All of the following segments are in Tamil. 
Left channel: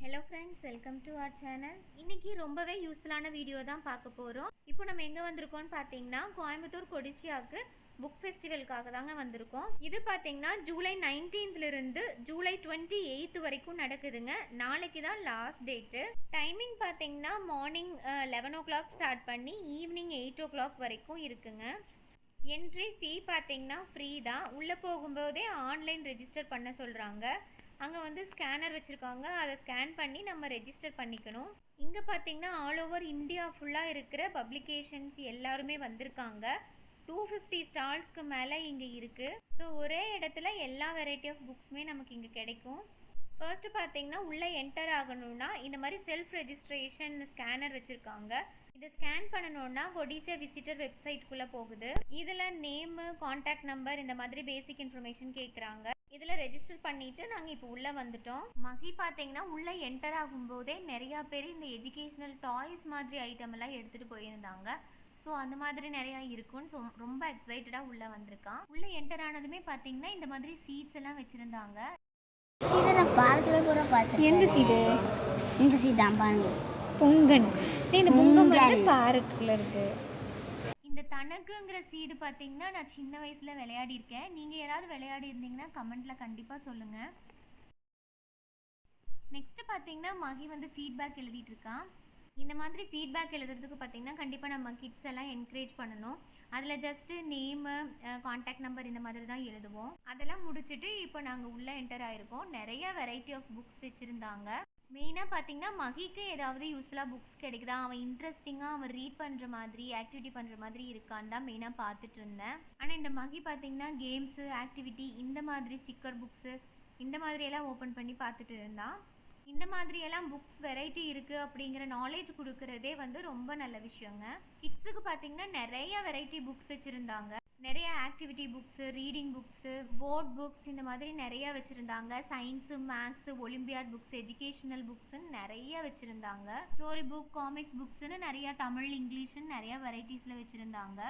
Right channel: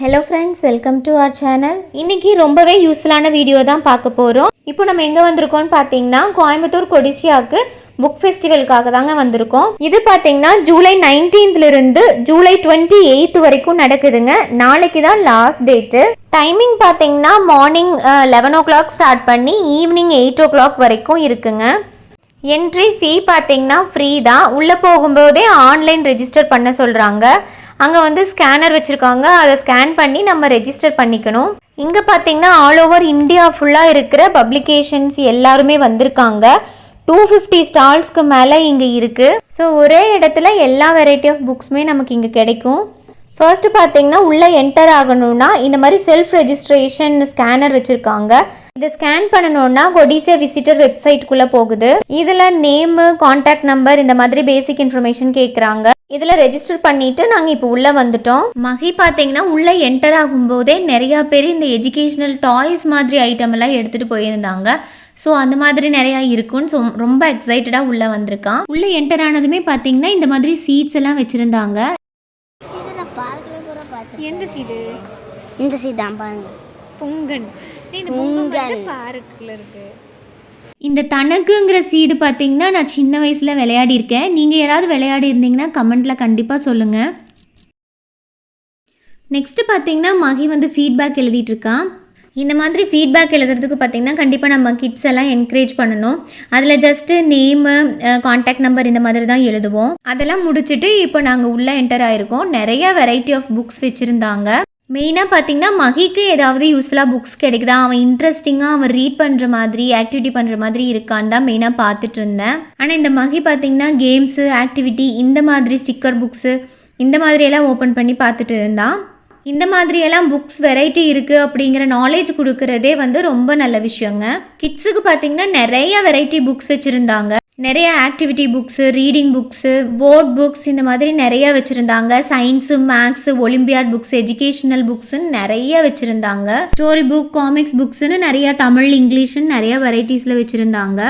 Hello friends welcome to our channel இன்றைக்கி ரொம்பவே யூஸ்ஃபுல்லான வீடியோ தான் பார்க்க போகிறோம் இப்போ நம்ம எங்கே வந்திருக்கோம்னு பார்த்தீங்கன்னா கோயம்புத்தூர் கொடிசியாவுக்கு புக் ஃபெஸ்டிவலுக்காக தாங்க வந்திருக்கோம். இது பார்த்தீங்கன்னா ஜூலை நைன்டீன்த்லேருந்து ஜூலை டுவெண்ட்டி எயித் வரைக்கும் நடக்குதுங்க. நாளைக்கு தான் லாஸ்ட் டேட்டு டைமிங் பார்த்தீங்கன்னா morning eleven o'clock start பண்ணி ஈவினிங் எயிட் ஓ கிளாக் வரைக்கும் இருக்குங்க. என்ட்ரி ஃபீ பார்த்தீங்கன்னா ஃப்ரீ தான். உள்ளே போகும்போதே ஆன்லைன் ரெஜிஸ்டர் பண்ண சொல்கிறாங்க அங்கே வந்து ஸ்கேனர் வச்சுருக்காங்க. அதை ஸ்கேன் பண்ணி நம்ம ரெஜிஸ்டர் பண்ணிக்கணும். இங்கே பார்த்தீங்கன்னா ஆல் ஓவர் இந்தியா ஃபுல்லாக இருக்கிற பப்ளிகேஷன்ஸ் எல்லாருமே வந்திருக்காங்க. டூ ஃபிஃப்டி ஸ்டால்ஸ்க்கு மேலே இங்கே இருக்குது ஸோ ஒரே இடத்துல எல்லா வெரைட்டி ஆஃப் புக்ஸுமே நமக்கு இங்கே கிடைக்கும். ஃபர்ஸ்ட்டு பார்த்தீங்கன்னா உள்ளே என்டர் ஆகணும்னா இந்த மாதிரி செல்ஃப் ரெஜிஸ்ட்ரேஷன் ஸ்கேனர் வச்சுருக்காங்க. இதை ஸ்கேன் பண்ணணும்னா கொடிசியா விசிட்டர் வெப்சைட்குள்ளே போகுது. இதில் நேமு காண்டாக்ட் நம்பர் இந்த மாதிரி பேசிக் இன்ஃபர்மேஷன் கேட்குறாங்க இதில் ரெஜிஸ்டர் பண்ணிட்டு நாங்கள் இப்போ உள்ளே வந்துட்டோம். மகி பார்த்தீங்கன்னா உள்ளே என்டர் ஆகும்போதே நிறையா பேர் இந்த எஜுகேஷ்னல் டாய்ஸ் மாதிரி ஐட்டம் எல்லாம் எடுத்துகிட்டு போயிருந்தாங்க. ஸோ அந்த மாதிரி நிறையா இருக்கும்னு ஸோ ரொம்ப எக்ஸைட்டடாக உள்ளே வந்திருக்கான். உள்ளே என்டர் ஆனதுமே பார்த்தீங்கன்னா இந்த மாதிரி சீட்ஸ் எல்லாம் வச்சுருந்தாங்க சீதை நான் பார்க்கில் கூட பார்த்தேன் எந்த சீடு? இந்த சீட் தான் பாருங்க. பொங்கன். இந்த பொங்கன் வந்து பார்க்கில் இருக்கு. இந்த தனக்குங்கிற சீடு பார்த்தீங்கன்னா நான் சின்ன வயசில் விளையாடி இருக்கேன் நீங்கள் யாராவது விளையாடி இருந்தீங்கன்னா கமெண்ட்டில் கண்டிப்பாக சொல்லுங்கள் நெக்ஸ்ட்டு பார்த்தீங்கன்னா மகி வந்து ஃபீட்பேக் எழுதிட்டு இருக்கான். இந்த மாதிரி ஃபீட்பேக் எழுதுறதுக்கு பார்த்தீங்கன்னா கண்டிப்பாக நம்ம கிட்ஸ் எல்லாம் என்கரேஜ் பண்ணணும். அதில் ஜஸ்ட்டு நேமு காண்டாக்ட் நம்பர் இந்த மாதிரி தான் எழுதுவோம். அதெல்லாம் முடிச்சுட்டு இப்போ நாங்கள் உள்ளே என்டர் ஆகிருக்கோம் நிறைய வெரைட்டி ஆஃப் புக்ஸ் வச்சுருந்தாங்க. மெயினாக பார்த்தீங்கன்னா மகிக்கு ஏதாவது யூஸ்ஃபுல்லாக புக்ஸ் கிடைக்குதா? அவன் இன்ட்ரெஸ்டிங்காக அவன் ரீட் பண்ணுற மாதிரி ஆக்டிவிட்டி பண்ணுற மாதிரி இருக்கான்னு தான் மெயினாக பார்த்துட்டு இருந்தேன். ஆனால் இந்த மகி பார்த்தீங்கன்னா கேம்ஸு ஆக்டிவிட்டி இந்த மாதிரி ஸ்டிக்கர் புக்ஸு இந்த மாதிரியெல்லாம் ஓப்பன் பண்ணி பார்த்துட்டு இருந்தான். இந்த மாதிரியெல்லாம் புக்ஸ் வெரைட்டி இருக்குது அப்படிங்கிற நாலேஜ் கொடுக்கறதே வந்து ரொம்ப நல்ல விஷயங்க. கிட்ஸுக்கு பார்த்தீங்கன்னா நிறைய வெரைட்டி புக்ஸ் வச்சுருந்தாங்க. நிறைய activity books reading books board books இந்த மாதிரி நிறைய வச்சுருந்தாங்க. Science maths olympiad books educational புக்ஸுன்னு நிறைய வச்சுருந்தாங்க. ஸ்டோரி புக் காமிக்ஸ் புக்ஸ்னு நிறைய தமிழ் இங்கிலீஷ்னு நிறைய வெரைட்டிஸில் வச்சுருந்தாங்க.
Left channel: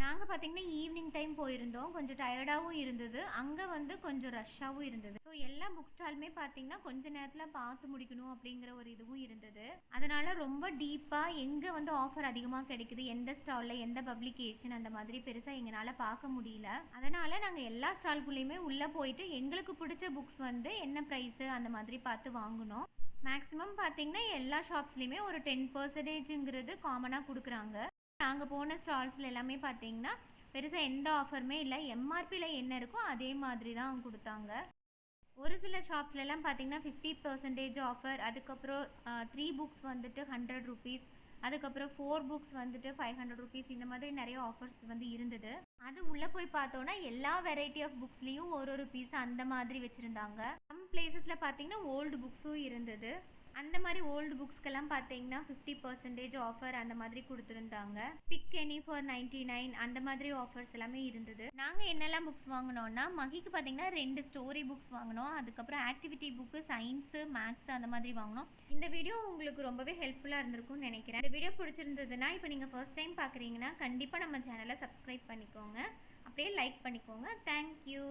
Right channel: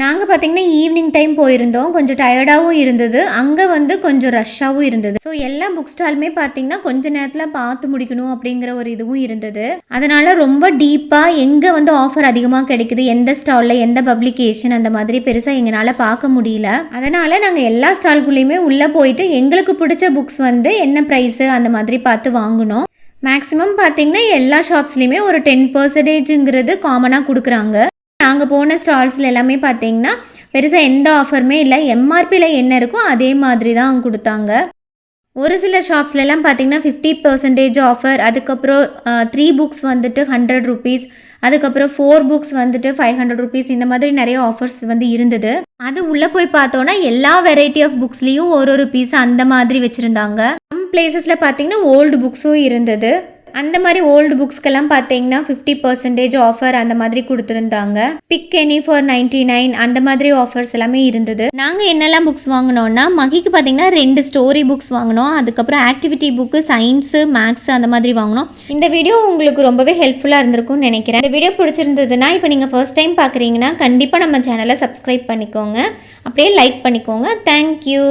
நாங்கள் பார்த்தீங்கன்னா ஈவினிங் டைம் போயிருந்தோம். கொஞ்சம் டயர்டாகவும் இருந்தது. அங்கே வந்து கொஞ்சம் ரஷ்ஷாகவும் இருந்தது. ஸோ எல்லா புக் ஸ்டாலுமே பார்த்தீங்கன்னா கொஞ்ச நேரத்தில் பார்த்து முடிக்கணும் அப்படிங்கிற ஒரு இதுவும் இருந்தது. அதனால் ரொம்ப டீப்பாக எங்கே வந்து ஆஃபர் அதிகமாக கிடைக்குது? எந்த ஸ்டாலில் எந்த பப்ளிகேஷன் அந்த மாதிரி பெருசாக எங்களால் பார்க்க முடியல. அதனால் நாங்கள் எல்லா ஸ்டால்குள்ளேயுமே உள்ளே போயிட்டு எங்களுக்கு பிடிச்ச புக்ஸ் வந்து என்ன ப்ரைஸு அந்த மாதிரி பார்த்து வாங்கினோம். மேக்ஸிமம் பார்த்தீங்கன்னா எல்லா ஷாப்ஸ்லேயுமே ஒரு டென் பர்சன்டேஜுங்கிறது காமனாக கொடுக்குறாங்க. நாங்கள் போன ஸ்டால்ஸில் எல்லாமே பார்த்தீங்கன்னா பெருசாக எந்த ஆஃபருமே இல்லை. எம்ஆர்பியில் என்ன இருக்கோ அதே மாதிரி தான் கொடுத்தாங்க. ஒரு சில ஷாப்ஸ்லலாம் பார்த்தீங்கன்னா ஃபிஃப்டி பர்சன்டேஜ் ஆஃபர் அதுக்கப்புறம் த்ரீ புக்ஸ் வந்துட்டு ஹண்ட்ரட் ருபீஸ் அதுக்கப்புறம் ஃபோர் புக்ஸ் வந்துட்டு ஃபைவ் ஹண்ட்ரட் ருபீஸ் இந்த மாதிரி நிறைய ஆஃபர்ஸ் வந்து இருந்தது. அது உள்ளே போய் பார்த்தோன்னா எல்லா வெரைட்டி ஆஃப் புக்ஸ்லேயும் ஒரு ஒரு பீஸ் அந்த மாதிரி வச்சுருந்தாங்க. சம் பிளேசஸில் பார்த்தீங்கன்னா ஓல்டு புக்ஸும் இருந்தது. அந்த மாதிரி ஓல்டு புக்ஸ்க்கெல்லாம் பார்த்தீங்கன்னா ஃபிஃப்டி பர்சன்டேஜ் ஆஃபர் அந்த மாதிரி கொடுத்துருந்தாங்க. Pick any for ninety nine அந்த மாதிரி ஆஃபர்ஸ் எல்லாமே இருந்தது. நாங்கள் என்னெல்லாம் புக்ஸ் வாங்கினோம்னா மகிக்கு பார்த்தீங்கன்னா ரெண்டு ஸ்டோரி புக்ஸ் வாங்கினோம். அதுக்கப்புறம் ஆக்டிவிட்டி புக்கு சயின்ஸு மேக்ஸ் அந்த மாதிரி வாங்கினோம். இந்த வீடியோ உங்களுக்கு ரொம்பவே ஹெல்ப்ஃபுல்லாக இருந்திருக்கும்னு நினைக்கிறேன். இந்த வீடியோ பிடிச்சிருந்ததுன்னா இப்போ நீங்கள் ஃபர்ஸ்ட் டைம் பார்க்குறீங்கன்னா கண்டிப்பாக நம்ம சேனலை சப்ஸ்கிரைப் பண்ணிக்கோங்க. அப்படியே லைக் பண்ணிக்கோங்க. தேங்க்யூ